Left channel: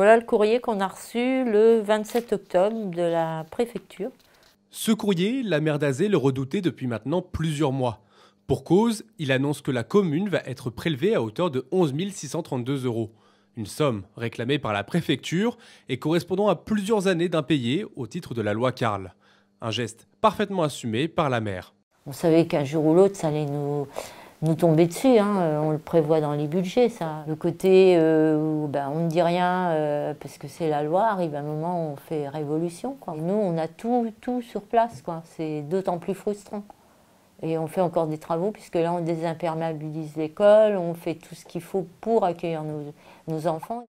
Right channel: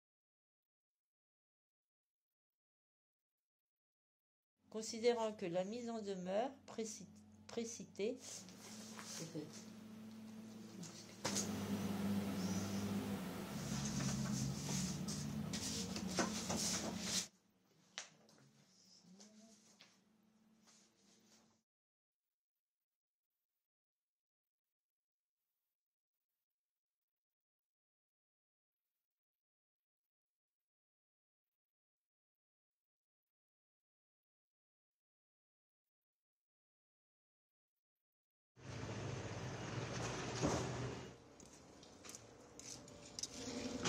Voilà le courrier qu'on a reçu le 27 octobre de la préfecture. Ce courrier, la maire d'Azé le redoutait depuis maintenant plusieurs mois. Pour cause, il annonce que la commune va être prélevée à hauteur de 11 632 €. Une somme réclamée par la préfecture et correspondant à plusieurs années d'impayés au titre de la loi Carle. Un geste parfaitement assumé par la maire. On savait qu'un jour ou l'autre, ça allait nous tomber dessus, hein. On le prévoit dans les budgets, ça. Le côté où on ne dit rien parce que c'est la loi, arrive un moment où on fait révolution, quoi. Et nous, on a tout sur place, quoi. C'est d'autant plus frustrant. Et on fait encore des travaux, puisque là, on désimperméabilise l'école, on fait tout ce qu'il faut pour accueillir nos enfants.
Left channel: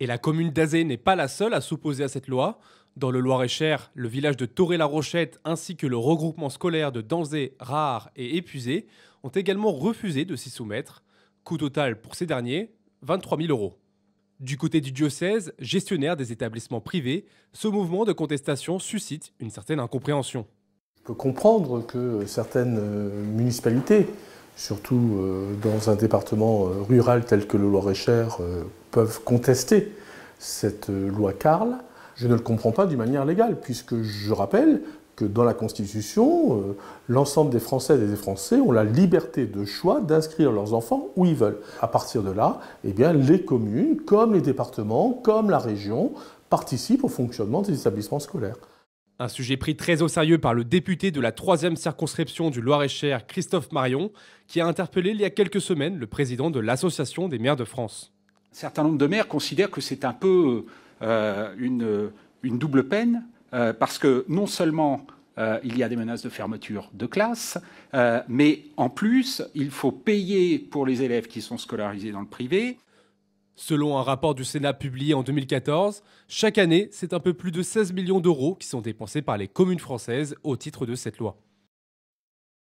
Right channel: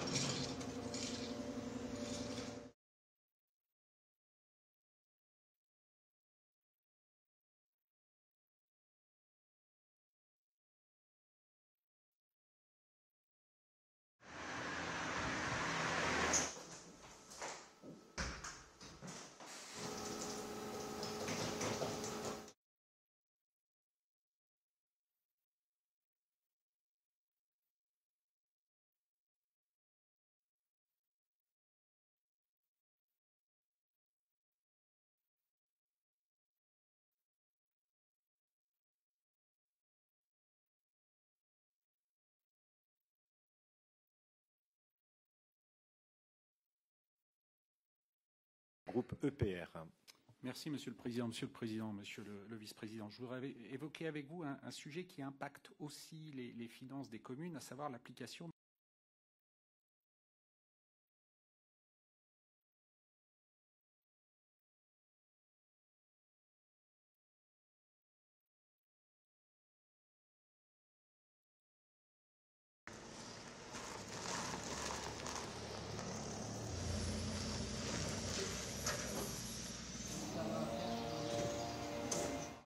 Et la commune d'Azé n'est pas la seule à s'opposer à cette loi. Dans le Loir-et-Cher, le village de Toré-la-Rochette ainsi que le regroupement scolaire de Danzé, Rare et Épuisé ont également refusé de s'y soumettre. Coût total pour ces derniers, 23 000 €. Du côté du diocèse, gestionnaire des établissements privés, ce mouvement de contestation suscite une certaine incompréhension. On peut comprendre que certaines municipalités, surtout dans un département rural tel que le Loir-et-Cher, peuvent contester cette loi Carle. Je ne le comprends pas d'une manière légale, puisque je rappelle que dans la Constitution, l'ensemble des Françaises et des Français ont la liberté de choix d'inscrire leurs enfants où ils veulent. À partir de là, eh bien, les communes, comme les départements, comme la région, participent au fonctionnement des établissements scolaires. Un sujet pris très au sérieux par le député de la 3e circonscription du Loir-et-Cher, Christophe Marion, qui a interpellé il y a quelques semaines le président de l'Association des maires de France. Un certain nombre de maires considèrent que c'est un peu une double peine, parce que non seulement il y a des menaces de fermeture de classe, mais en plus, il faut payer pour les élèves qui sont scolarisés dans le privé. Selon un rapport du Sénat publié en 2014, chaque année, c'est un peu plus de 16 millions d'euros qui sont dépensés par les communes françaises au titre de cette loi.